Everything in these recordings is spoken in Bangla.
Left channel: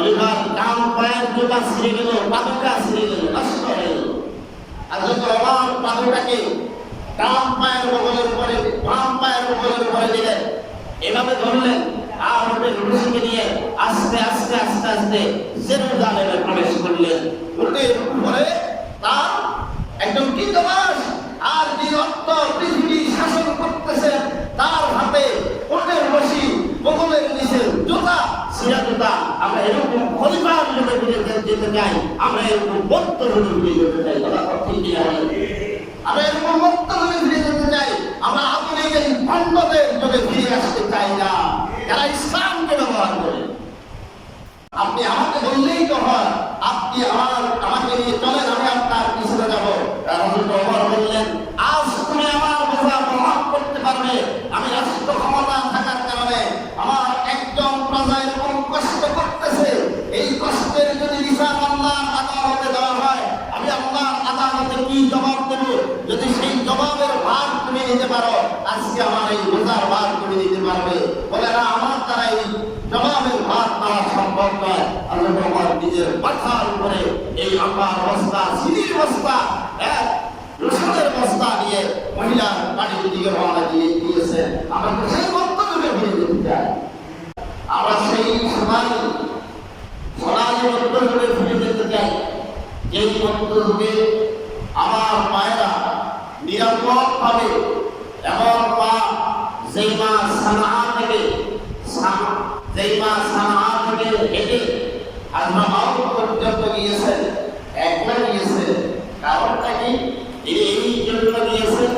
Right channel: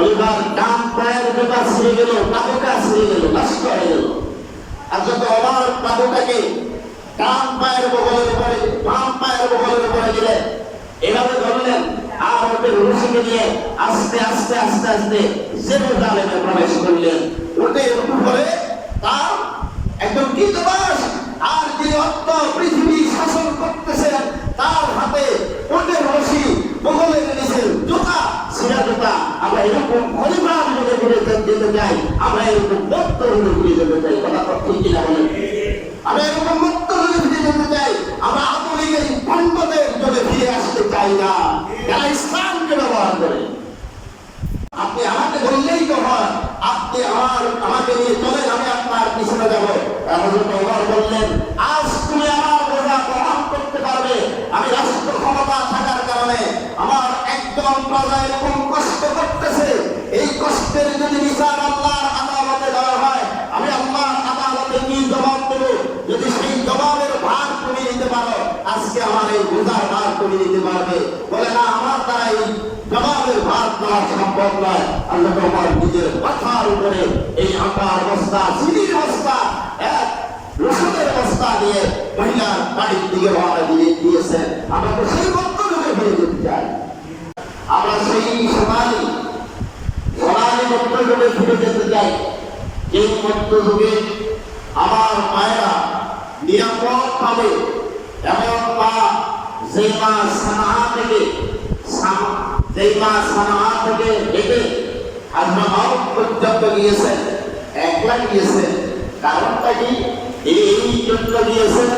খলিফার ডান পায়ের জুতা ছিঁড়ে গেল, পাদুকা ছিঁড়ে গেল, নষ্ট হয়ে গেল। হযরত ওমর পাদুকাকে ডান পায়ের বগলের উপরে, বাম পায়ের বগলের উপরে দিলেন, এভাবে ধরলেন। আর ওদের রশিকে নিয়ে আস্তে আস্তে আস্তে আস্তে জেরুজালেমে প্রবেশ করলেন। ওদের উপরে তার একদম কৃতবাস আর যে অর্থ পৃথিবী শাসন করতেছেন তার হাতে ওদের রশি, বগলের নিচে জুতা, ছিঁড়া জুতা। আমরা এরকম খলিফার যুগে ফিরে যেতে চাই, আমরা এরকম বক্ত যুগে ফিরে যেতে চাই। কথা ঠিক কিনা বলেন? আমরা এরকম বক্ত যুগে ফিরে যেতে চাই। আমরা আধুনিক এই পাণ্ডবের যুগে ফিরে আসতে চাই না, যারা ইসলামকে ব্যবহার করে। আপনি আমাকে বললেই তো হয়, আপনি আমাকে নিয়ে চলেন, আমি আপনার পিছনে যাবো। হযরত ওমর বললেন, আজ তুমি আমার বোঝা বহন করতে পারবে। আমি রাষ্ট্র ক্ষমতা থাকার কারণে আমার একজন প্রজা এরকম কষ্ট করতেছে, এই কষ্টের যদি বিচার আল্লাহর আদালতে দেওয়া হয়, আমি আল্লাহর আদালতে কি জবাব দেব? যদি সেই জবাবের ভার তুমি নিতে পারো, আজকে আমার এই বোঝার ভার তুমি নিতে পারবে। বলে না, আমার দ্বারা এই জবাবের ভার নেওয়া সম্ভব নয়। আল্লাহ ওমর নিজের মাথার উপরে এই আটার বস্তা, চিনির বস্তা, রসুনের বস্তা নিয়ে মহিলার বাড়ির দিকে রওনা দিয়েছেন। আমরা তো সেই মধ্যযুগে ফিরে যেতে চাই। আমরা সেই সোনালী মধ্যযুগে ফিরে যেতে চাই, যেই মধ্যযুগে আমার মায়েরা নিরাপদ ভাবে এমন পা যেই মা সানা থেকে হেঁটে আজমাউত পর্যন্ত গিয়েছেন, একলা গিয়েছেন। কারণটা কি? তিনি এই জন্য গিয়েছেন,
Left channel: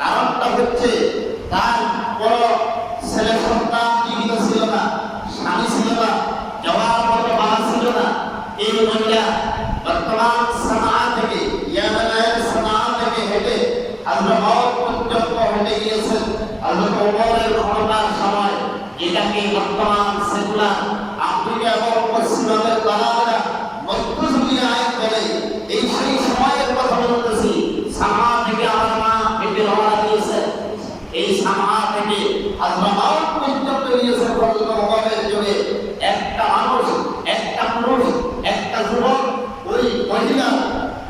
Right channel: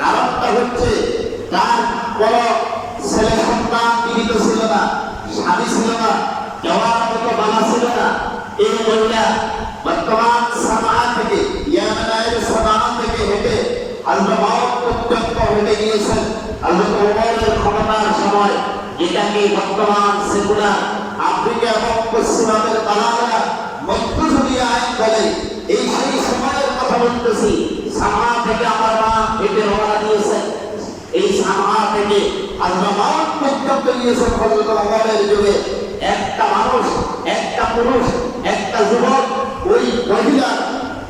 কারণটা হচ্ছে তার বড় ছেলে সন্তান জীবিত ছিল না, স্বামী ছিল না, যাওয়ার মতো বাবা ছিল না। এই মহিলা বর্তমান সানা থেকে, ইয়ামেনের সানা থেকে হেঁটে আজমাউত পর্যন্ত হেঁটে গিয়েছেন। হযরত ওমরের ক্ষমতার সময়, যেটাকে বর্তমান সেকুলার আফ্রিকা এবং পশ্চিমাদের দালালেরা মধ্যযুগীয় আইন বলে, এই সেই সময়ের কথা বলতেছি। সানা থেকে আমার মা হেঁটে রওনা দিয়েছেন, এই সানা থেকে আজমাউত পর্যন্ত গিয়েছেন হযরত ওমরের যুগে। একটা মানুষ, একটা পুরুষ, একটা যুবক ওই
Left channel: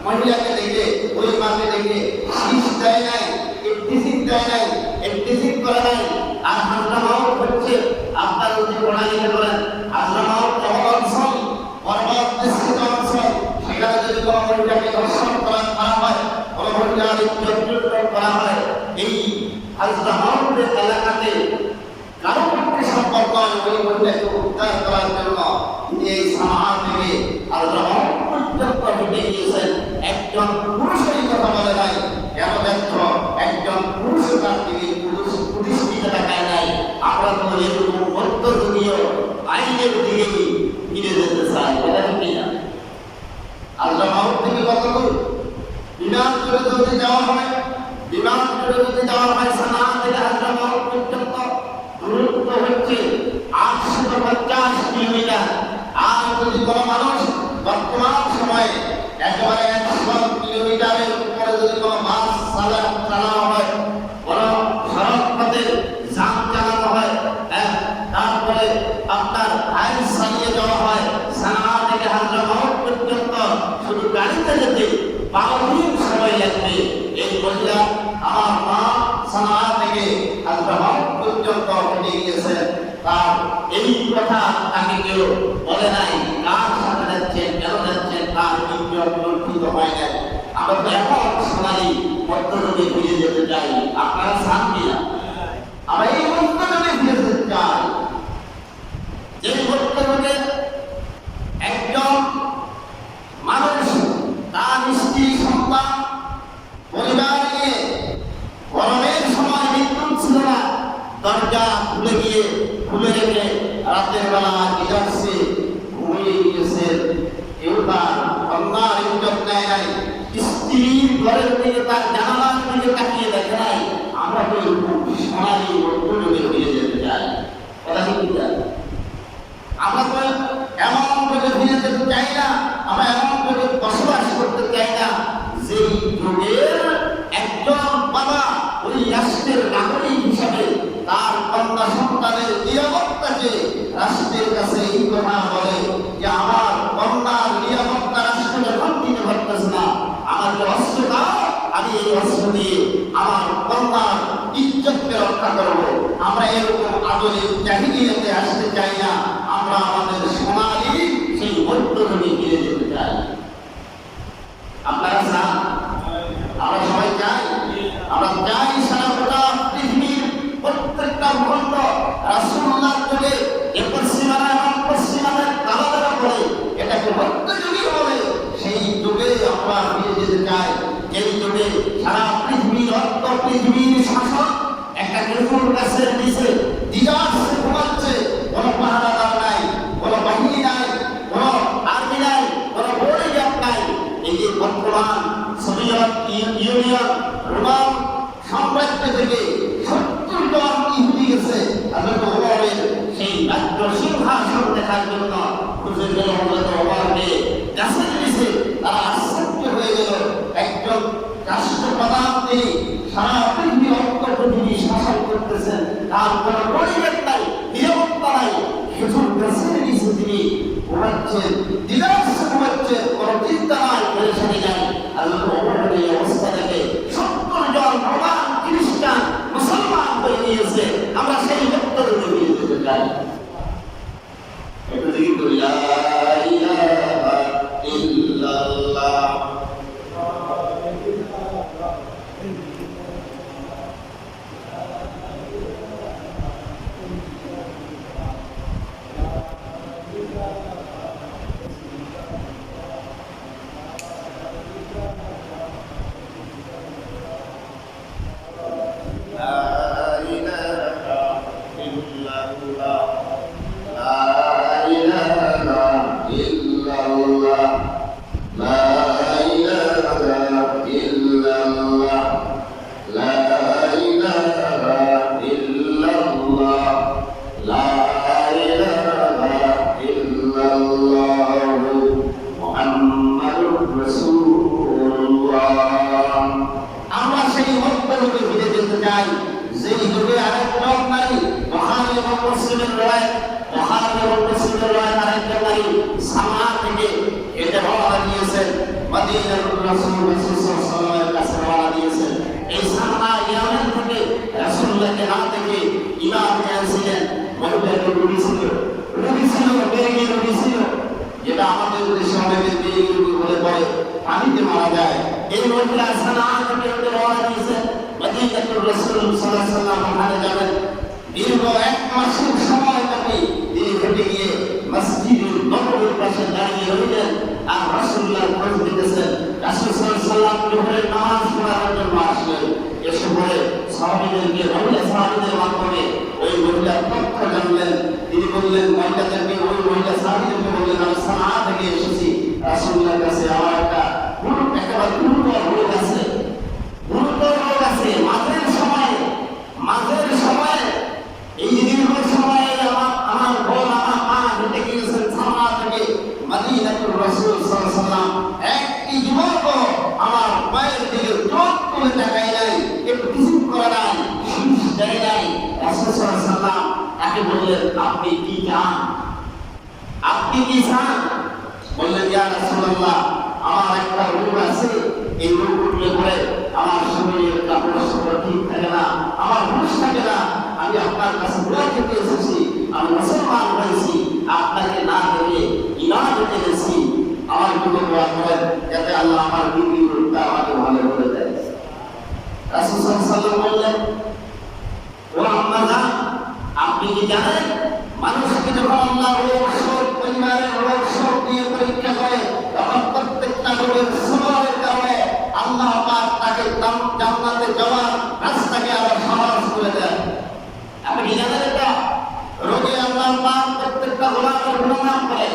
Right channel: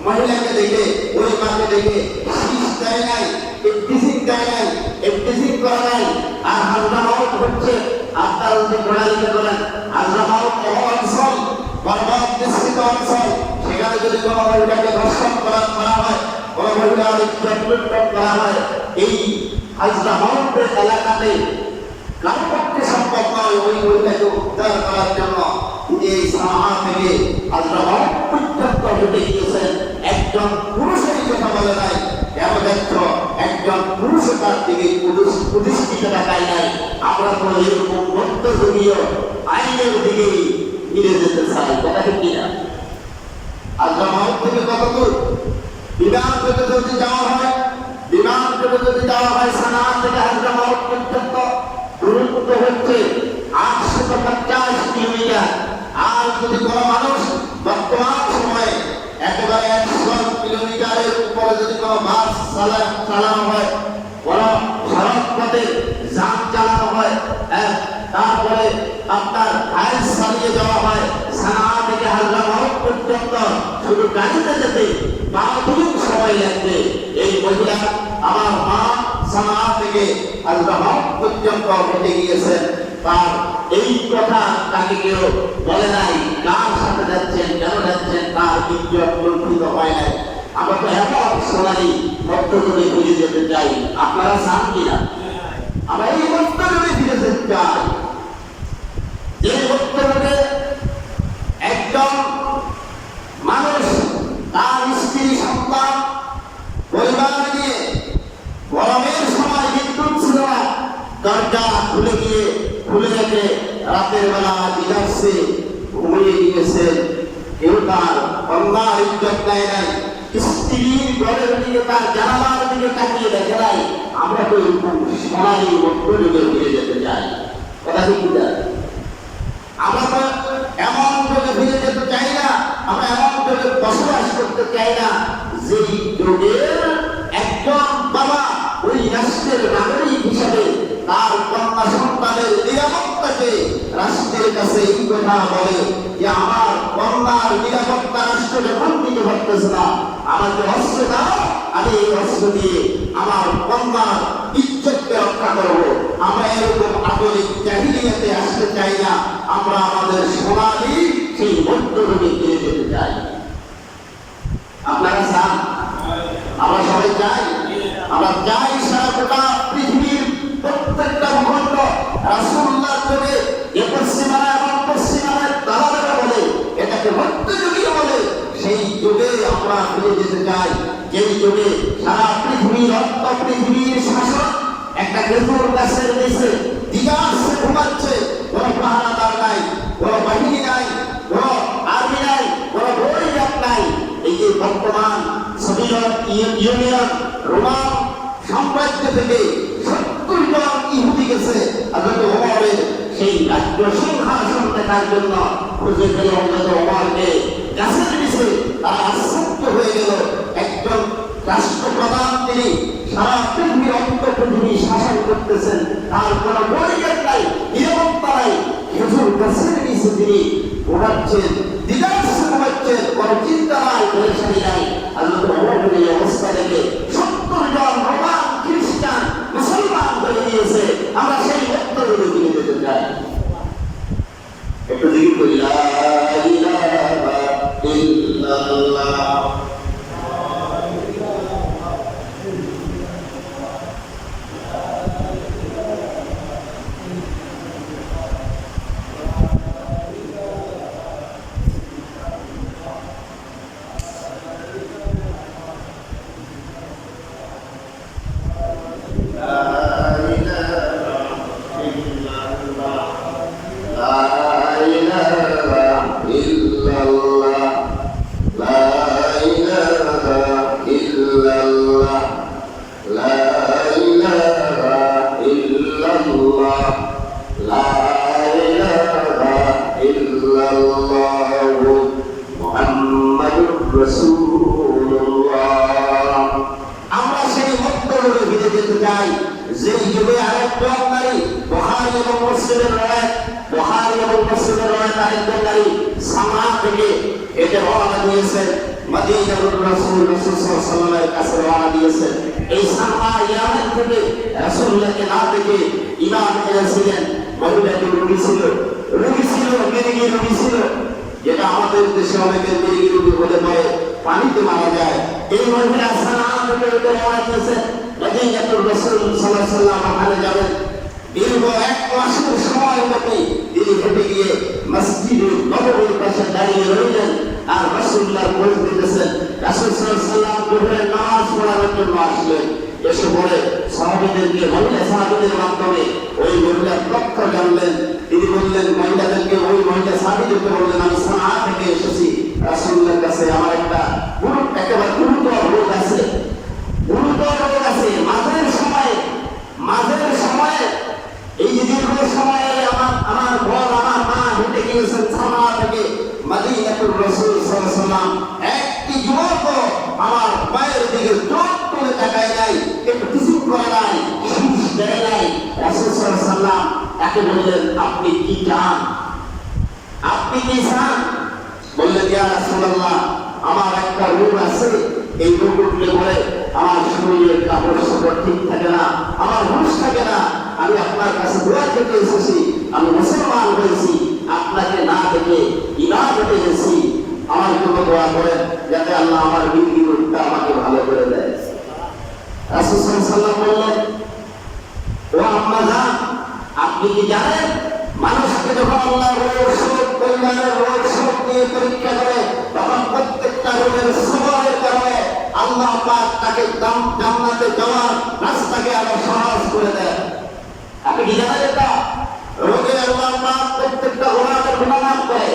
মহিলাকে দেখে, ওই মাকে দেখে শীষ দেয় নাই, ইফতিজিং দেয় নাই, ইফতিজিং করে নাই। আর আজমাউত হচ্ছে, আপনারা যদি পড়ালেখা করেন, আজমাউত এমন অঞ্চল, পর্বত নিষ্কৃত অঞ্চল, সেখানে যদি কোনো মহিলাকে ধর্ষণ করা হয়, কোনো মহিলার ইজ্জত লুণ্ঠন করা হয়, এই আজমাউতের এলাকাতে কারো পক্ষে সম্ভব নয় ওই মহিলাকে উদ্ধার করার জন্য। এই সানা থেকে আজমাউত পর্যন্ত হেঁটে গিয়েছেন। একজন পুরুষেরই কথা বলে নাই, কেন যাচ্ছ? একজন পুরুষ তার দিকে প্রতিষ্ঠিত দেখায় নাই। আমরা তো এরকম মধ্যযুগীয় আইনের দিকেই ফিরে যেতে চাই। কথা কি না? আজমাউত থেকে কত দূর? বিমান করে যদি যাওয়া হয় সানা থেকে আজমাউত পর্যন্ত দূরত্ব হচ্ছে 850 কিলোমিটার। আর যদি কোনো মানুষ বর্তমান সময়ে একেবারে 100 কিলোমিটারের উপরে যদি কোনো বাস চালানো হয়, কোনো সড়ক পথে যান চালানো হয়, তারপরে আপনার হাইস চালিয়ে যাওয়া হয়, সানা থেকে আজমাউত পর্যন্ত শুধু গাড়িতে যেতে 12 দিন সময় লাগবে। এই মহিলা আমার মা সানা থেকে আজমাউত পর্যন্ত হেঁটে গিয়েছেন। তার এই কথা তাকে কেউ বলে নাই, কার সাথে যাচ্ছেন, কেন যাচ্ছেন, তার ইজ্জত লুণ্ঠিত হয় নাই। আমরা তো এমন সোনালী মধ্যযুগে ফিরে যেতে চাই। আপনারা চান কিনা? আমরা এই মধ্যযুগে ফিরে যেতে চাই, যে মধ্যযুগে একজন মানুষ তার স্ত্রী, সন্তান, পরিবার নিয়ে গরমের সময় বিদ্যুৎ ছিল না, দরজা খুলে রেখে রাতের বেলা রিল্যাক্সে ঘুমিয়ে গিয়েছেন। কেউ তার কন্যার ইজ্জত নেয় নাই, স্ত্রীর ঘরের দিকে, তার জানালার দিকে তাকিয়ে দেখে নাই। আমরা তো সোনালী মধ্যযুগে ফিরে যেতে চাই। কথা কি বুঝা? আমরা তো এমন যুগে ফিরে যেতে চাই না, আমরা এমন যুগে বসবাস করতে চাই না যেই যুগের একজন বাবা ওই রাষ্ট্রের নাগরিক হিসাবে তার কন্যা সন্তানের নিরাপত্তাকে রাষ্ট্রের কাছে এই কথা বলে যে আমার কন্যার নিরাপত্তা রাষ্ট্র যখন দিতে পারতেছে না, আমাকে অস্ত্র দাও, আমি এই অস্ত্র দিয়ে আমার কন্যার ইজ্জতকে রক্ষা করব। আমরা এরকম আধুনিক জাহিলিয়াতে আসতে চাই না। আমরা আমাদের সোনালী সেই মধ্যযুগে ফিরে যেতে চাই। আপনারা চান? আমরা সবাই চাই। আমরা চাই সারা গোটা পৃথিবীর প্রত্যেকটা ভূখণ্ড রাসূলুল্লাহ যুগে যে পশ্চিমারা এবং পশ্চিমাদের দালালেরা বলে এটাকে মধ্যযুগীয় বলে, সেই যুগে আমরা ফিরে যেতে চাই। যেই যুগে সারা পৃথিবীর অর্থ পৃথিবীর শাসন একটা খেজুর গাছের নিচে দিগাছে ঘুমাচ্ছে, কোনো পাহারাদার নাই, কোনো বাহিনী নাই, কোনো আর্মি নাই, কোনো বডিগার্ড নাই। এই যে বর্তমান সোভিয়েত ইউনিয়ন রোমান সাম্রাজ্য থেকে 70 জন ইহুদি গেছে হযরত ওমরের সেই রাজ্য সিংহাসন দেখার জন্য। খুঁজে গেল হযরত ওমরকে গাছের নিচে। তারা আশ্চর্য হয়ে গেল, একজন রাষ্ট্রপ্রধান তিনি সারা পৃথিবীর অন্ত পৃথিবী শাসন করতেছেন, তার কোনো বডিগার্ড নাই, নিরাপত্তা নাই, খেজুর গাছের নিচে তিনি ঘুমাচ্ছেন, দিগাছে ঘুমাচ্ছেন, কোনো চিন্তা নাই, পেরেশানি নাই। হযরত ওমরের এই অবস্থা দেখে 70 জন রোমান খ্রিস্টান মুসলমান হয়ে গিয়েছে। আমরা সেই মধ্যযুগে ফিরে যেতে চাই। একটু জিকির করি, লা ইলাহা ইল্লাল্লাহ। আমরা সেই মধ্যযুগে ফিরে যেতে চাই, যেই যুগে আরেকজন নারী বুখারী এবং মুসলিমের রাওয়ায়াত আরেকজন নারী সামা থেকে হেঁটে রওনা দিয়েছেন মদিনাতুর রাসূল সাল্লাল্লাহু আলাইহি কাছে রওনা দিয়েছেন। এই সামা ইয়ামান থেকে রাসূলুল্লাহকে না দেখে ইমাম এনেছিলেন। মহিলাটি রোগী ছিল, মেরগি রোগী ছিল, যেটা আমাদের দেশে অনেকের মেরগি রোগী হলে পরে পানিতে মারা যায়। এই মহিলা সানা থেকে হেঁটে রওনা দিয়েছেন মদিনাতুর রাসূল সাল্লাল্লাহু আলাইহি ওয়াসাল্লাম ওখানে যাবেন। দীর্ঘ 1 মাসের সময় ব্যাপী তিনি হেঁটে গিয়ে মসজিদে নববীর পাশে দাঁড়িয়ে রইলেন আর রাসূলুল্লাহর খোঁজ নিতেছেন। রাসূল সাল্লাল্লাহু আলাইহি ওয়াসাল্লাম জোহরের নামাজ পড়ার জন্য আসলেন। এসে পরে সাহাবীদেরকে, মহিলা সাহাবীদের মাধ্যমে ওই মহিলার তথ্য জানলেন। তিনি বললেন মহিলাদেরকে, ওই মহিলা সাহাবীদেরকে বললেন, আমি সানা থেকে এসেছি রাসূলুল্লাহর কাছে, আমার একটা একেবারে গুরুতর রোগ আছে, মাঝের সময়ে এই যে দীর্ঘ সময়ে আমার বোন, আমার মা হেঁটে গিয়েছেন সানা থেকে মদিনাতুর রাসূল সাল্লাল্লাহু আলাইহি ওয়াসাল্লাম। একটি যুবক আমার পায়ের দিকে চোখ তুলে তাকায় নাই, একটু কিছু করে নাই, শীষ দেয় নাই। রাসূল সাল্লাল্লাহু আলাইহি ওয়াসাল্লাম তাকে বললেন, আপনি কি চান? বললেন, ইয়া রাসূলুল্লাহ, আমার একটা রোগ আছে, এই রোগ উঠলে পরে আমার শরীরের কাপড় চোপড় ঠিক থাকে না, আমার হুঁশ থাকে না। আমি আপনার কাছে দোয়া চেয়ে এসেছি, আমি মুসলমান হয়েছি, আপনাকে না দেখে ঈমান হতে এসেছি। আমার জন্য দোয়া করেন যাতে আল্লাহ আমার বিবি রোগটা আমাকে ভালো করে দেয়। রাসূল সাল্লাল্লাহু আলাইহি ওয়াসাল্লাম বললেন, ও আম্মা জান, আপনি কি জানেন মানুষকে যখন আল্লাহ রোগ শোক, পরিবারের রোগ শোক দিয়ে পরীক্ষা করে, তখন প্রত্যেকটা রোগের সবরের কারণে আল্লাহ পাক তাকে জান্নাতে যাওয়ার রাস্তাকে আরো সহজ করে দেন। আপনি কি জানেন এটা? রোগে আল্লাহ পাক প্রত্যেকটা গোনাহের গুনাহ মাফ করে।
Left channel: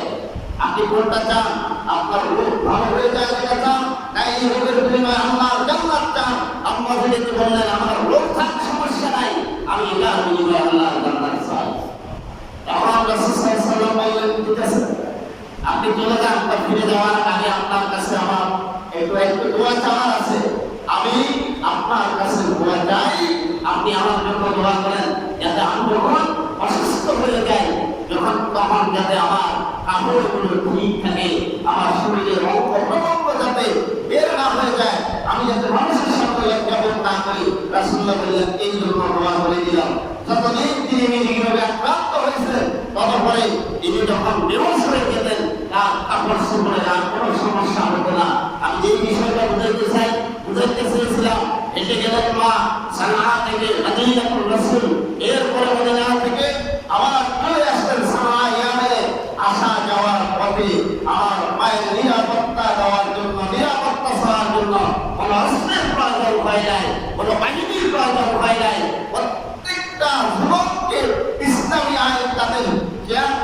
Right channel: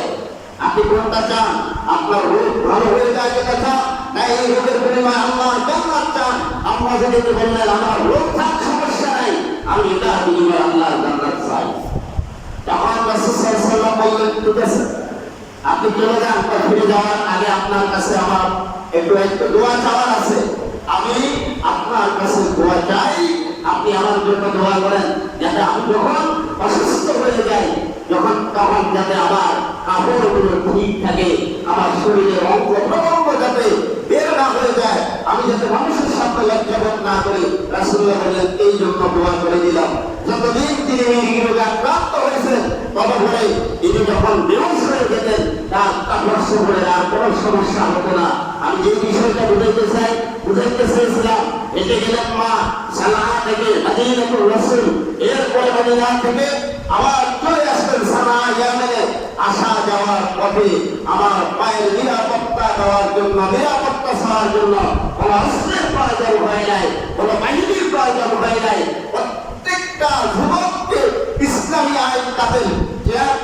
আপনি কোনটা চান? আপনার রোগ ভালো হয়ে যায় এটা চান, না এই রোগের বিনিময়ে আল্লাহর জান্নাত চান? আম্মা যেতে বললেন, আমার রোগ থাক সমস্যা নাই, আমি এটার বিনিময়ে আল্লাহর জান্নাত চাই। তখন রাসূল সাল্লাল্লাহু আলাইহি ওয়াসাল্লাম বললেন, ঠিক আছে, আপনি চলে যান। ফিরে যাওয়ার আগে আপনার কাছে আমার একটু দোয়া চাওয়ার আছে। আমি আপনার কাছে দোয়া চাই, আপনি আমার জন্য দোয়া করেন যাতে আমি যখন অসুস্থ হয়ে যাই যখন তখন যাতে আমার কাপড়গুলো ঠিক থাকে, আমার শরীরের অঙ্গ প্রত্যঙ্গ যাতে বের না হয়ে যায়, আমি যাতে মানুষের সামনে লজ্জাবোধ না করি। রাসূলুল্লাহ বললেন এই জন্য দোয়া করে দিলাম। যতদিন তিনি এই রোগে আক্রান্ত হয়েছেন ততপরে তিনি যখন বেহুশ হয়ে যেতেন তার কাপড় চোপড়ের আর কোনো সমস্যা হতো না। আমি যে বিষয়টা বুঝাইতে চেয়েছিলাম, হেঁটে গেলেন মা সানা থেকে মদিনাতুর রাসূল, এরপরে মদিনা থেকে আবার চলে আসলেন সানা ইয়ামেনে। আসা যাওয়ার পথে আমার মায়ের নিরাপত্তা দেওয়ার জন্য, নিরাপত্তা দেওয়ার জন্য কোনো অস্ত্রের প্রয়োজন হয় নাই, কোনো বাহিনীর প্রয়োজন হয় নাই। প্রত্যেকটা যুবককে ইসলামী আইন তাদের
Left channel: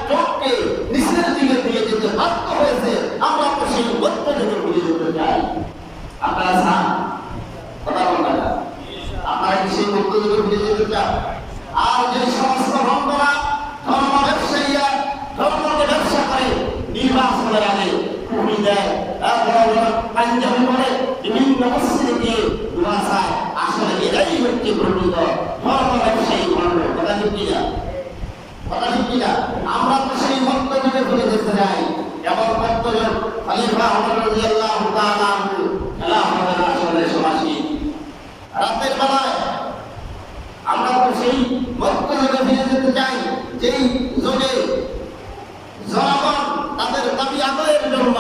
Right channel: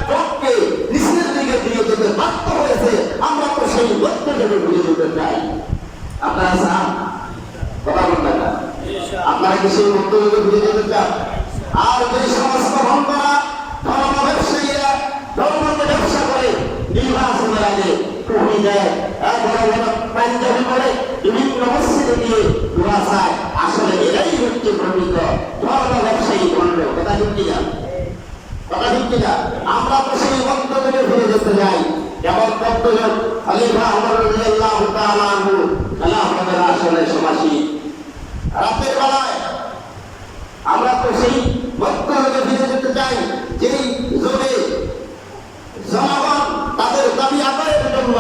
চোখকে নিচের দিকে দিয়ে যেতে বাধ্য হয়েছে। আমরা তো সেই মধ্য থেকে ফিরে যেতে চাই। আপনারা চান? কথা বলবেন না? আপনারা কি সেই মধ্য থেকে ফিরে যেতে চান? আর যে সমস্ত ভণ্ডরা, ধর্ম ব্যবসায়ীরা ধর্মকে ব্যবসা করে, নির্বাচনের আগে টুপি দেয়, বড় বড় পাঞ্জাবি বলে, বিভিন্ন মসজিদে গিয়ে দোয়া চায়, আসলে এরাই হচ্ছে প্রকৃত ধর্ম ব্যবসায়ী ভণ্ড। কথা ঠিক কিনা? কথা ঠিক কিনা? আমরা তো সেই মধ্য থেকে ফিরে যেতে চাই। যেমন কতজন খলিফা ওমর রাদিয়াল্লাহু তাআলা আনহু খেলাফতের আসলে সমাসী, রাতের বেলায় আমরা তো সেই মধ্য থেকে ফিরে যেতে চাই যেই যুগে জনগণ তাদের দাবি আদায়ের জন্য,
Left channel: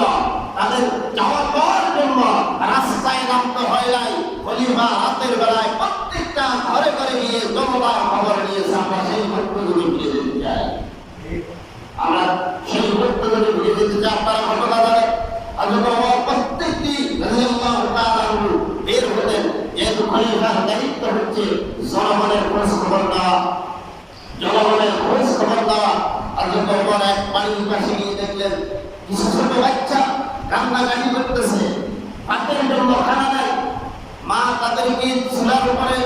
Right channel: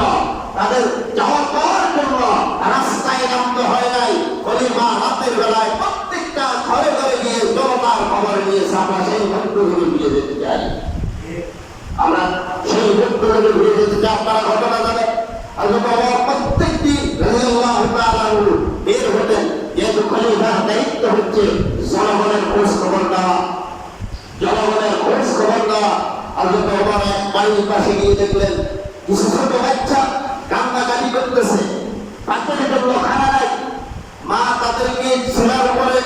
তাদের চাওয়া পাওয়ার জন্য রাস্তায় নামতে হয় নাই। খলিফা রাতের বেলায় প্রত্যেকটা ঘরে ঘরে গিয়ে জনতার খবর নিয়েছে। আমরা সেই মধ্য থেকে ফিরে যেতে চাই। আমরা সেই মধ্য থেকে ফিরে যেতে চাই। আপনারা ঘটনা জানেন, হযরত ওমর প্রত্যেকটি রাদিয়াল্লাহু তাআলা আনহু বের হতেন, যেহেতু খলিফার দায়িত্ব হচ্ছে জনগণের খোঁজ খবর দেওয়া, জনগণের খোঁজ খবর দেওয়া। হযরত ওমর এক বাড়ির পাশে গিয়ে দেখলেন কিছু ছোট বাচ্চা কান্নাকাটি করতেছে, পাতের জন্য খানা নাই। মা তাদেরকে চুলার উপরে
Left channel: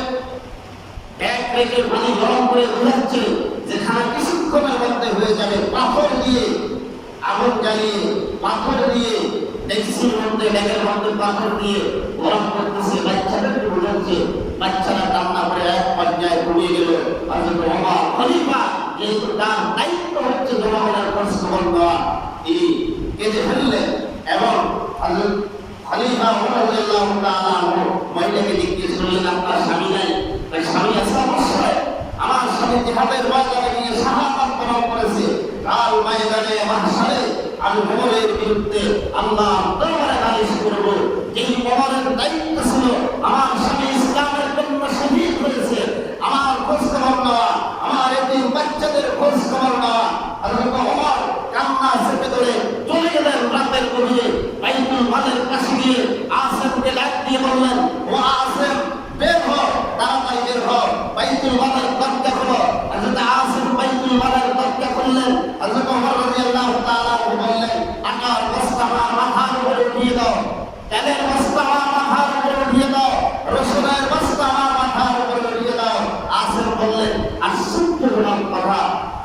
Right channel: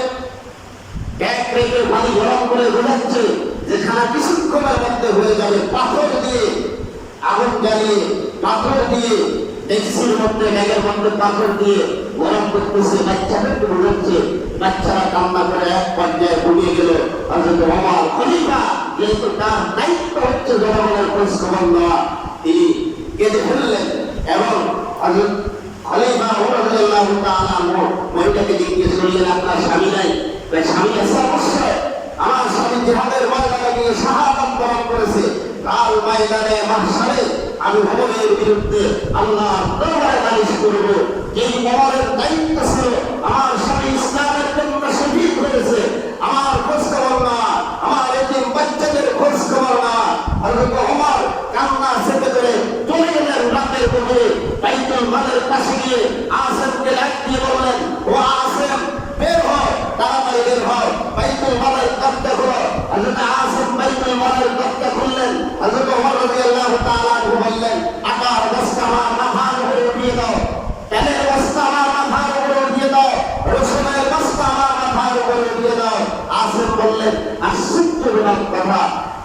ব্যাগ রেখে পানি গরম করে বোঝাচ্ছে যে খানা কিছুক্ষণের মধ্যে হয়ে যাবে। পাথর দিয়ে আগুন জ্বালিয়ে, পাথর দিয়ে ডেক্সির মধ্যে, ব্যাগের মধ্যে পাথর দিয়ে গরম করতেছে, বাচ্চাদেরকে বোঝাচ্ছে। বাচ্চারা কান্না করে এক পর্যায়ে ঘুমিয়ে গেল। হযরত ওমর খলিফা, যেহেতু তার দায়িত্ব হচ্ছে জনগণের খোঁজ খবর দেওয়া, তিনি কেঁদে ফেললেন এবং হযরত খলিফা ওমর রাদিয়াল্লাহু তাআলা আনহু মহিলাকে জিজ্ঞেস করলেন, আপনার স্বামী নাই? স্বামী আছে অবশ্যই, আমার স্বামী জিহাদের ময়দানে গিয়ে শাহাদাত বরণ করেছে। কাল ময়দানে মাহশারে আমি ওমরের বিরুদ্ধে আল্লাহর দরবারে নালিশ করব। যেই ওমরের দায়িত্ব ছিল আমার স্বামী ইসলামের জন্য শহীদ হয়েছে, আমার খোঁজ খবর নেওয়া, আমার এতিম বাচ্চাদের খোঁজ খবর নেওয়া। হযরত ওমর কান্না চেপে ধরে চলে গেলেন রাতের গভীরে বাইতুল মালের পাশে গিয়ে আসেমকে ডাক দিয়ে বললেন, ও আসেম, বের হও, তাড়াতাড়ি বের হও, বাইতুল মালের দরজা খোলো। হযরত আসেম বাইতুল মালের দরজা খুললেন। হযরত ওমর রাদিয়াল্লাহু তাআলা বললেন, আটার বস্তা আমার মাথার উপরে উঠিয়ে দাও, তেলের বস্তা আমার মাথার উপরে উঠিয়ে দাও, রসুনের বস্তা আমার মাথার উপরে উঠিয়ে দাও। আসেম বললেন, আশ্চর্য কথা,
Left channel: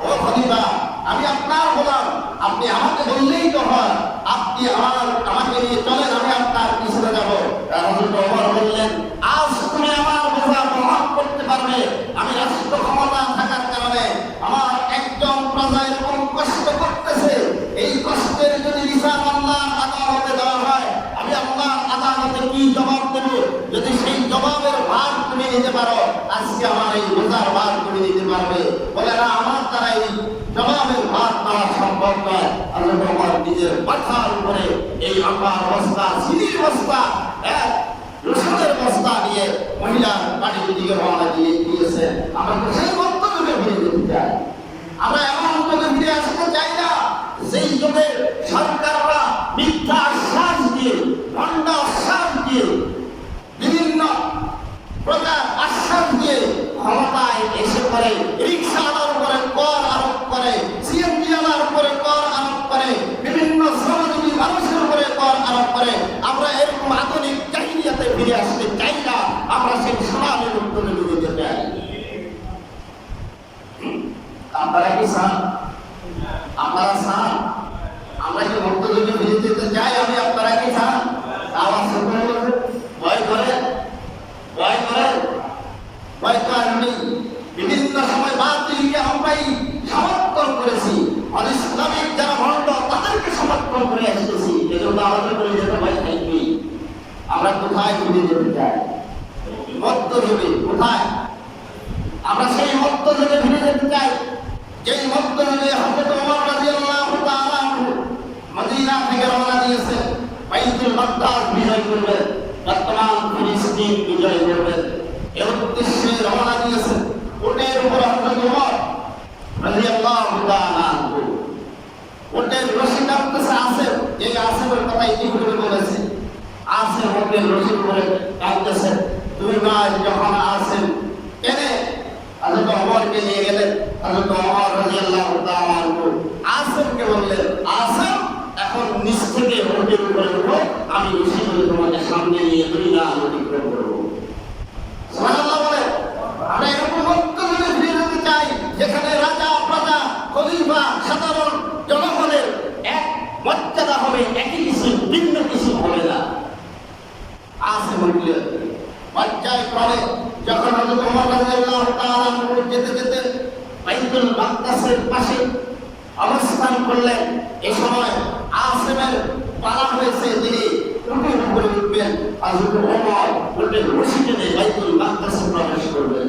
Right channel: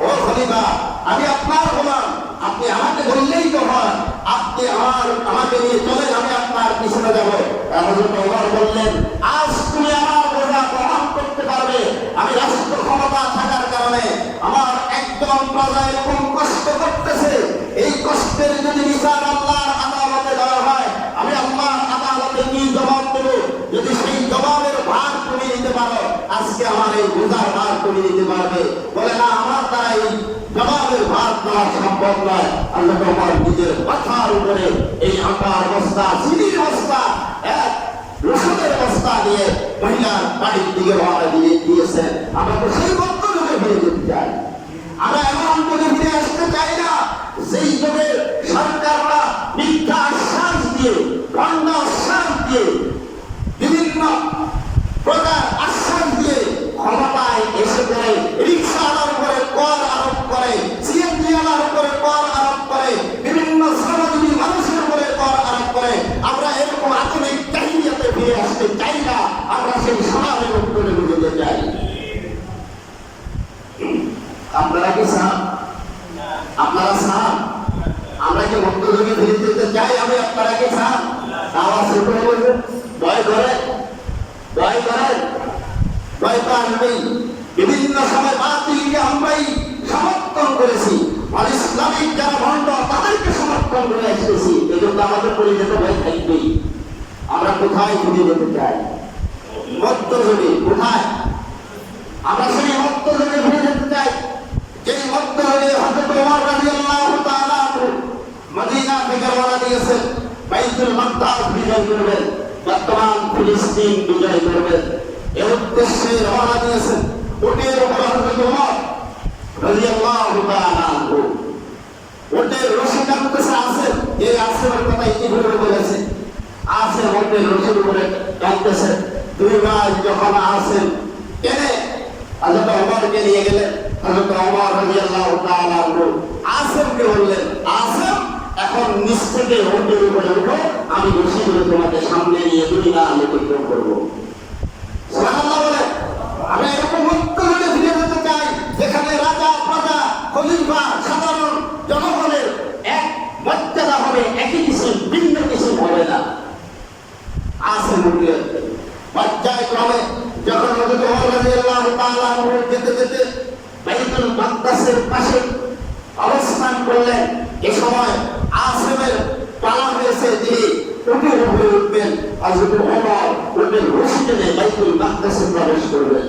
ও খলিফা, আমি আপনার গোলাম, আপনি আমাকে বললেই তো হয়, আপনি আমাকে নিয়ে চলেন, আমি আপনার পিছনে যাব। হযরত ওমর বললেন, আজ তুমি আমার বোঝা বহন করতে পারবে? আমি রাষ্ট্র ক্ষমতা থাকার কারণে আমার একজন প্রজা এরকম কষ্ট করতেছে, এই কষ্টের যদি বিচার আল্লাহর আদালতে দেওয়া হয়, আমি আল্লাহর আদালতে কি জবাব দেব? যদি সেই জবাবের ভার তুমি নিতে পারো, আজকে আমার এই বোঝার ভার তুমি নিতে পারবে। বলে না, আমার দ্বারা এই জবাবের ভার নেওয়া সম্ভব নয়। আল্লাহ ওমর নিজের মাথার উপরে এই আটার বস্তা, চিনির বস্তা, এক রসুনের বস্তা নিয়ে মহিলার বাড়ির দিকে রওনা দিয়েছে। আমরা তো সেই মধ্য যুগে ফিরে যেতে চাই। আমরা এমন যুগে ফিরে আসতে চাই না সেই যুগে সরকাররা মিথ্যা আশ্বাস দিয়ে, ভণ্ড আশ্বাস দিয়ে, বিভিন্ন প্রকার আশ্বাস দিয়ে ক্ষমতায় এসে পড়ে রিক্সাওয়ালার উপরে কর আরোপ করে, সিএনজি ওয়ালার উপরে কর আরোপ করে, বিভিন্ন শ্রমজীবী মানুষের উপরে কর আরোপ করে। আমরা এরকম আধুনিক জাহিলিয়াতে ফিরে আসতে চাই না। আমরা সেই সোনালী মুক্ত নেমে যেতে চাই। আপনারা কি চান? আপনারা চান? আমরা কি মুক্ত যুগে ফিরে যেতে চাই? আপনারা কি চান? আওয়াজ শুরু হয়ে গেছে। ভয় করেন? ভয় করেন? ভয় তো আসবেই। বিভিন্ন সময় বাতিলকে আমরাই সমর্থন করেছি। আর ইসলামিক যারা ভণ্ড তাদেরকে সমর্থন করে আসতেছি। এজন্য আমাদের করে যেতে ভয় থাকবেই। আমরা কোথায় ফিরে যেতে চাই? মধ্যযুগে। কোথায়? আমরা সেই মধ্যযুগে ফিরে যেতে চাই, যেই মধ্যযুগে হযরত ওমর রাদিয়াল্লাহু তাআলা আনহু মদিনা থেকে রওনা দিয়েছেন, বাইতুল মাকদাস বিজয় করবেন, বর্তমান ফিলিস্তিন বিজয় করবেন। এই উদ্দেশ্যে রওনা দিয়েছেন। উটের উপর হযরত ওমর রাদিয়াল্লাহু তাআলা আনহু উটের রশি টানতেছে। আসেন, এই আসেনের কথা ইতিপূর্বে বলেছে। আসেন উটের রশির উপরে টানতেছে। দুই ভাই যখন আসেন টেনে হযরত ওমরকে নিয়ে গেলেন, হযরত ওমর রাদিয়াল্লাহু তাআলা আনহু আসেনকে বললেন, আসেন এখন নিচ থেকে উটের উপরে উঠো, আমি রশি ধরে তোমাকে সামনে নিয়ে দুনিয়া অতিক্রম করবো। সুবহানাল্লাহ বলেন। আমরা এরকম মধ্যযুগে ফিরে যেতে চাই, যেখানে রাজা প্রজা খলিফা সাধারণ জনগণের এক মর্যাদা হবে, একই কিসিম, ভিন্ন কিসিম হবে না। আসে উঠলে পর্যায়ক্রমে যখন হযরত ওমর রাদিয়াল্লাহু তাআলা আনহু যেতে যেতে বাইতুল মাকদাসের পাশে অবস্থান করলেন, এই সময় আসেমের পালা হয়েছে, তিনি উটের উপরে উঠবেন। হযরত ওমর উটের রশি টেনে বাইতুল মাকদাসে প্রবেশ করবেন।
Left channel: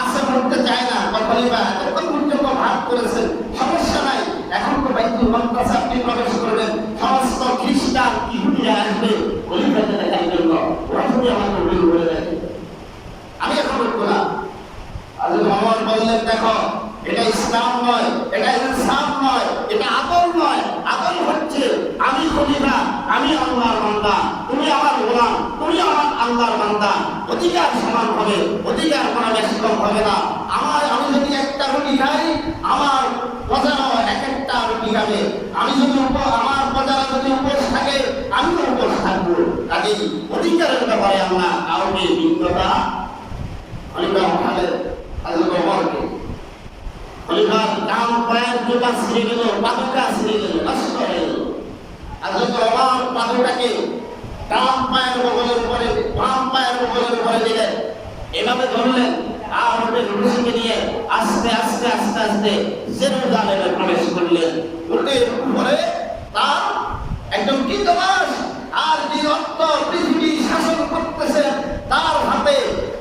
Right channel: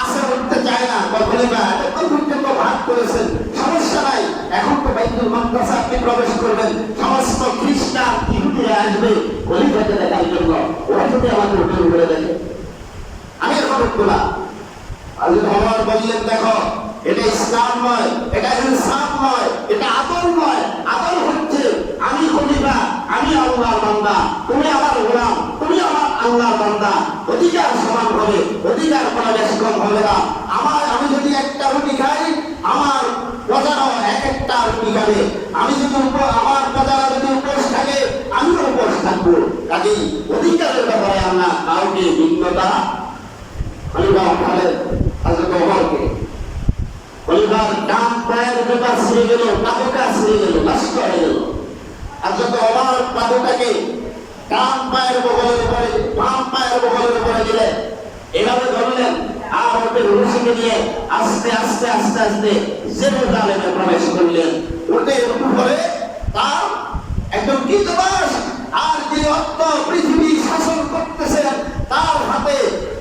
আসেম উঠতে চায় না, খলিফা এত পর্যন্ত ভাগ করেছেন, সমস্যা নাই, এখন তো বাইতুল মাকদাসে আপনি প্রবেশ করবেন, সমস্ত খ্রিস্টান ইহুদিরা আসবে খলিফাকে দেখার জন্য, ওরা যদি আমাকে উঠে ঘুরে দেখে, আমি এখন উঠবো না। হযরত ওমর বললেন, দেখো এটা ইসলাম নয়, এটা ইনসাফ নয়, এটা আদল নয়। আদল হচ্ছে আমি খলিফা, আমি আল্লাহর বান্দা, তুমি আমার গোলাম, তুমি আমার আল্লাহর বান্দা, অধিকার সমান হবে, অধিকার কোনো বেশি কম হবে না। আমি যদি একটা রুটি খাই, আমার প্রজারাও এক একটা রুটি খাবে। আমি যদি আমার প্রজারা যদি উপোস থাকে, আমিও উপোস থাকবো। কাজেই অধিকারের ব্যাপারে আমরা কাউকে ভিন্নতা খলিফা উঠালেন হযরত ওমরকে। খলিফার ডান পায়ের জোড়া ছিঁড়ে গেল, পাদুকা ছিঁড়ে গেল, নষ্ট হয়ে গেল। হযরত ওমর পাদুকাকে ডান পায়ের বগলের উপরে, বাম পায়ের বগলের উপরে দিলেন, এভাবে ধরলেন, আর উটের রশিকে নিয়ে আস্তে আস্তে আস্তে আস্তে জেরুজালেমে প্রবেশ করলেন। উটের উপরে তার একজন কৃতদাস, আর যে অর্থ পৃথিবী শাসন করতেছেন, তার হাতে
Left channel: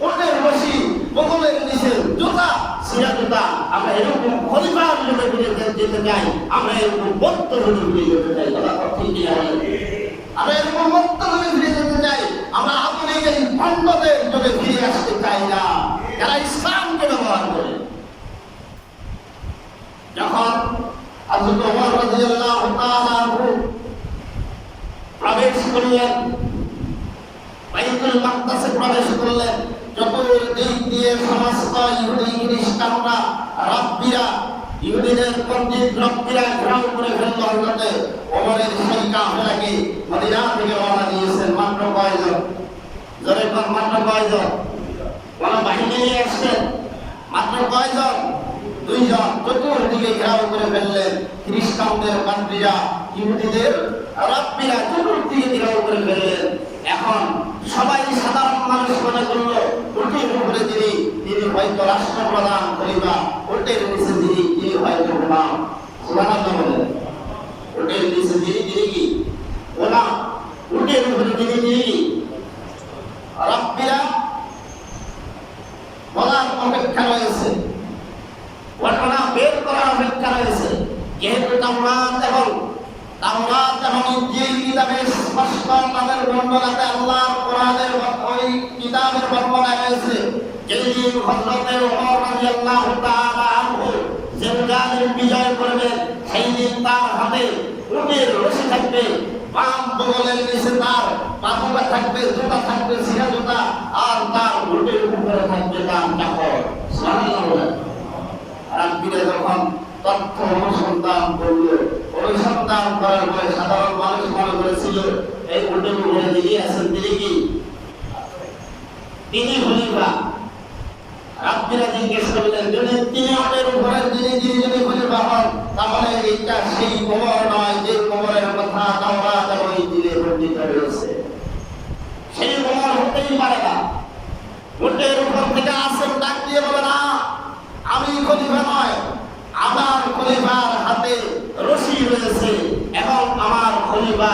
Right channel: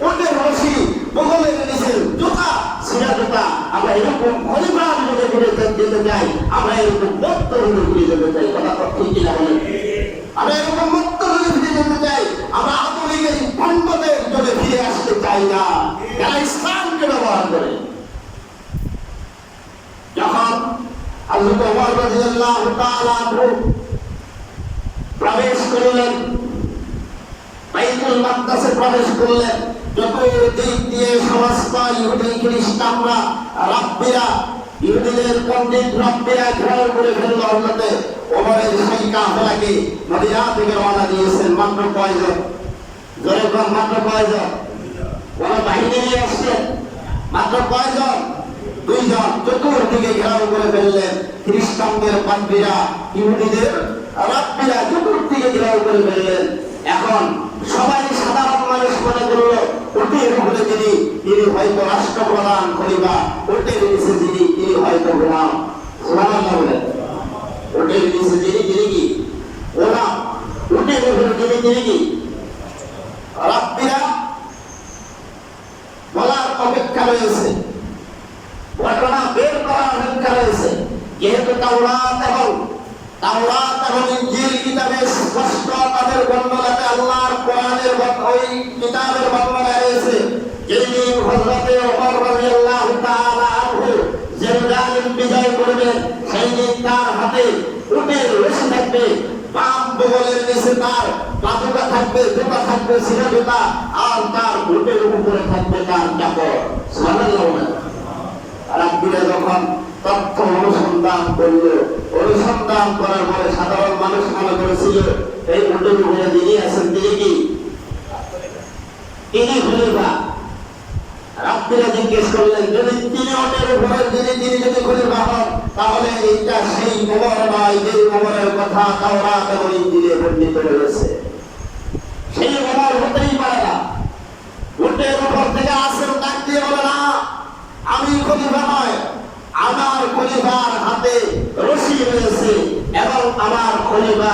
উটের রশি, বগলের নিচে জুতা, ছিঁড়া জুতা। আমরা এরকম খলিফার যুগে ফিরে যেতে চাই, আমরা এরকম মধ্যযুগে ফিরে যেতে চাই। কথা ঠিক কিনা বলেন? আমরা এরকম মধ্যযুগে ফিরে যেতে চাই, আমরা আধুনিক এই ভণ্ডদের যুগে ফিরে আসতে চাই না, যারা ইসলামকে ব্যবহার করে। যখন হযরত ওমর রাদিয়াল্লাহু তাআলা আনহু প্রবেশ করলেন, বাইতুল মাকদাসে প্রবেশ করলেন, চতুর্দিক দিয়ে সমস্ত ইহুদি খ্রিস্টানরা, রাব্বিরা, ইহুদিদের পণ্ডিত রাব্বিরা ঘেরাও করে ফেলল হযরত ওমরের সেই কাফেলাকে। মদিনা থেকে রওনা দিয়েছেন মাত্র কয়জন? জোরে কোন, মাত্র কয়জন? কোন বাহিনী নিয়ে আসছেন? মাত্র কয়জন? 2 জন। চতুর্দিকে ঘেরাও করে ফেললেন খ্রিস্টানদের পাদ্রীরা, ইহুদিদের রাব্বিরা চতুর্দিকে ঘেরাও করে ফেললেন। এখন সবাই সাধারণ মানুষ মনে করলো উটের উপরে তিনি হয়তো রাষ্ট্রপ্রধান খলিফা, উটের নিচে তিনি হয়তো গোলাম। সুবহানাল্লাহ বলেন। উটের নিচে তিনি কি গোলাম, উটের উপরে তিনি কি রাব্বিরা বলার অপেক্ষা রয়েছে, ঘটনা বের করার অপেক্ষা রয়েছে। যেহেতু তাওরাত এবং ইনজিল কিতাবে স্পষ্ট তাদের বর্ণনাতে আল্লাহর কোরআনের ওই কিতাবের বর্ণনা রয়েছে, যেদিন হযরত ওমর রাদিয়াল্লাহু তাআলা আনহু জেরুজালেম বিজয় করবেন, সেই দিন তার হাতে উটের রশি থাকবে, বাম বগলের নিচে তার পাদুকা থাকবে, জুতা থাকবে, ছিঁড়া জুতা, আর তার উটের উপরে থাকবে তার চাকর। সুবহানাল্লাহ। রাব্বিরা যখন তথ্য অনুসন্ধান করার পরে সাধারণ মানুষ মনে করেছিল এই উটের উপরে যিনি আছেন তিনি কি? তিনি খলিফা। রাব্বিরা জিজ্ঞেস করলেন, যদি তিনি উটের উপরে যিনি যদি খলিফা হন, তাহলে এইটা সেই ওমর নয় যে ওমরের কথা তাওরাত এবং ইনজিলে বর্ণিত রয়েছে। সেই ওমর হতেই পারে না। উটের উপর থেকে আসেন ডাক দিয়ে বলে, না, আমি খলিফা নয়, আমার খলিফা রয়েছে এবং আমার খলিফা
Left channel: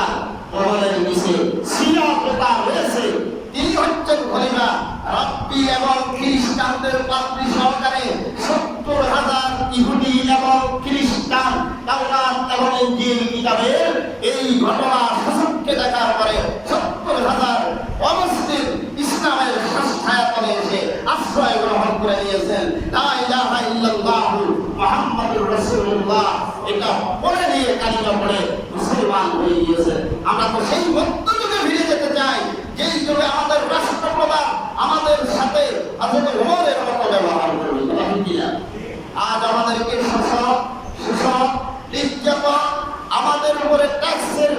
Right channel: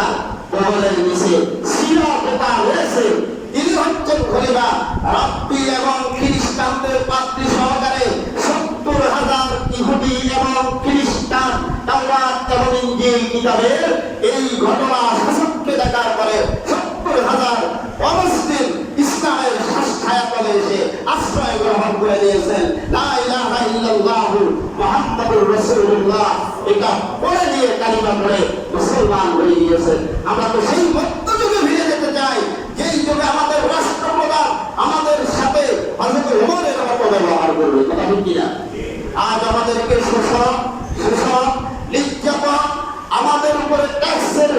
বহলের নিচে সিরা পোতা রয়েছে। তিনি হচ্ছেন খলিফা। রাব্বি এবং খ্রিস্টানদের পাত্রী সহকারে 70,000 ইহুদি এবং খ্রিস্টান তাওরাত এবং ইনজিল কিতাবের এই ঘটনা সচক্ষে দেখার পরে 70,000 অমুসলিম ইসলামের ছায়াতলে এসে আশ্রয় গ্রহণ করে নিয়েছেন। লা ইলাহা ইল্লাল্লাহু মুহাম্মাদুর রাসূলুল্লাহ এটা পড়ে নিয়ে কালিমা পড়ে মুসলমান হয়ে গিয়েছেন। আমরা তো সেই মধ্যযুগে ফিরে যেতে চাই, যেই যুগে আমাদের রাষ্ট্রপ্রধান আমাদের সাথে হযরত ওমরের মতো ব্যবহার করবে। কথা ঠিক কিনা? আজ আমাদেরকে শোষণ নির্যাতন, আমাদের উপরে ট্যাক্সের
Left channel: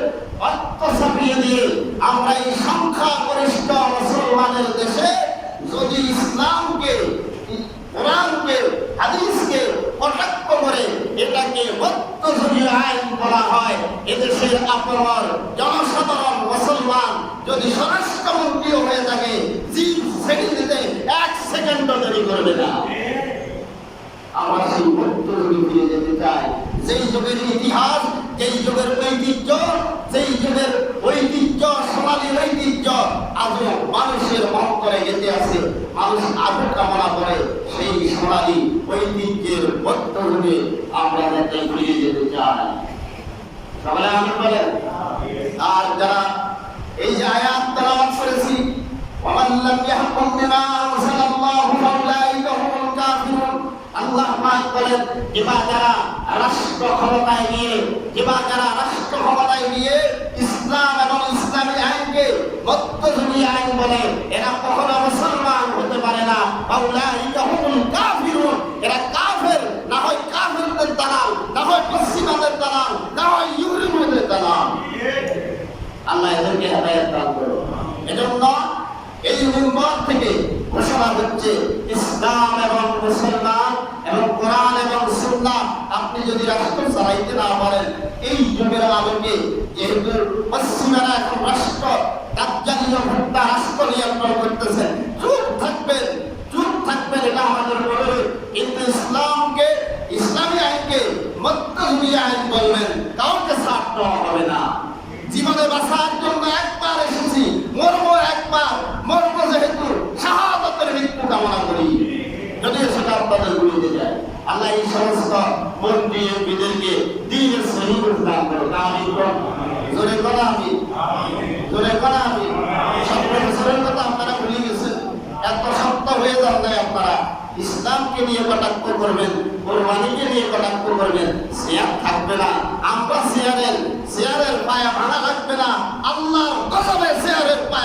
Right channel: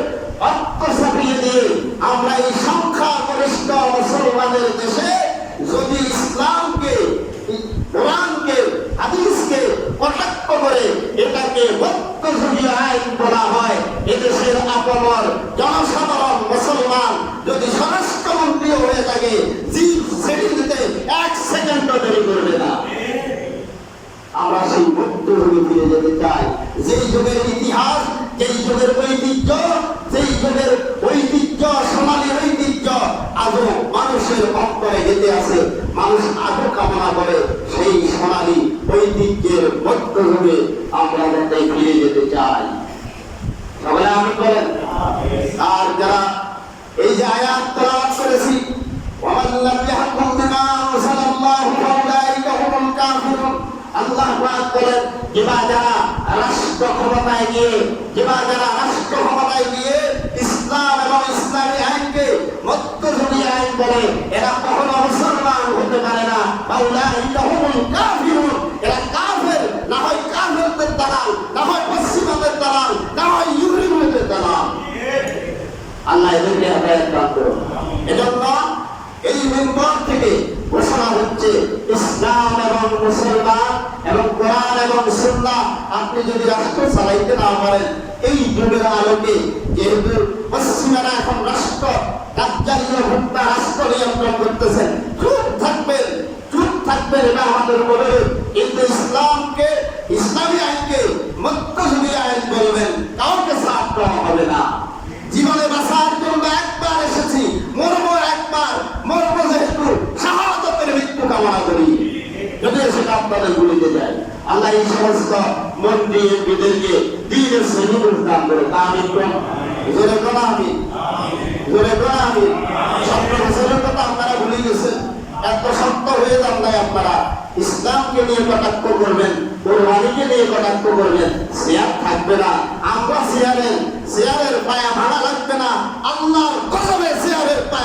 অর্থ চাপিয়ে দিয়ে আমরা এই সংখ্যাগরিষ্ঠ মুসলমানের দেশে যদি ইসলামকে, কোরআনকে, হাদিসকে কটাক্ষ করে এটাকে মধ্যযুগীয় আইন বলা হয়, এদেশের আপমর জনসাধারণ মুসলমান যদি স্বরাষ্ট্রমন্ত্রীও হয়ে থাকে জিপ ছেড়ে দিতে 1 সেকেন্ডও দেরি করবে না। আমরা সেই মধ্যযুগে ফিরে যেতে চাই, যেই যুগের ইতিহাস, যেই যুগের ঐতিহ্য, যেই যুগের ঐতিহ্য, সোনালী ঐতিহ্য আজও মানুষের অন্তরে গেঁথে আছে। মানুষ আজও কামনা করে সেই সোনালী ঐতিহ্যের মধ্যযুগে আমরা যাতে ফিরে যেতে চাই। সকলে আমিন বলেন। আর যারা এই যে আয়াত তেলাওয়াত করেছি, ওয়ামান লাম ইয়াহকুম বিমা আনজালাল্লাহু ফাউলাইকা হুমুল কাফিরুন, আল্লাহ পাক বলেন যেবা যারা রাষ্ট্র ক্ষমতায় গিয়ে ইসলাম এবং ইসলামী আইনকে মধ্যযুগী আইন বলে, এরা কখনো মুসলমান হতে পারে না। ফাউলাইকা হুমুল কাফিরুন, এরা কাফের, না হয় কাফেরদের দালাল, না হয় পশ্চিমাদের দালাল, না হয় ইহুদিদের দালাল। আল্লাহ এদেরকে হেদায়েত দান করুন। এজন্য এই মিম্বর থেকে ঘোষণা হচ্ছে, ইসলাম এবং মুসলমান এবং কোরআন এবং সুন্নাহ আপনি যদি রাষ্ট্র চালাইতে না পারেন, এই যুগের আলোকে যেহেতু পশ্চিমারা এখন রাষ্ট্র কার্যালয় ভোক্তা রাষ্ট্র নিয়ন্ত্রণ করতেছেন, চুপ থাকবেন এটা আমাদের অনুরোধ। কিন্তু ইসলামকে, ইসলামী আইনকে মধ্যযুগী আইন বলবেন, কাউকে ছাড় দেওয়া হবে না। জীবনে বাঁচার জন্য একবার এসেছি, মরবো একবার, মরবো যেহেতু শাহাদাতের মৃত্যু কামনা করি, যদিও সেটা আপনাদের ভুলিতে যায়। আল্লাহ এই সমস্ত মন্ত্রী এমপিদেরকে দ্বীনের শহীদ দান করো। আমিন কোন জোরে কোন আমিন, জোরে কোন আমিন। 17 বছরের কথা আপনারা ভুলে গেছেন, এত শক্ত হয়ে যান নাই আপনারা। ইসলামকে নিয়ে কটাক্ষ করবেন, কোরবানিকে নিয়ে কটাক্ষ করবেন, শেয়ার থাকবে না। আমরা শেয়ারের পায়া ভাঙা লাগবে না। আল্লাহর কসমে শেয়ারের পায়া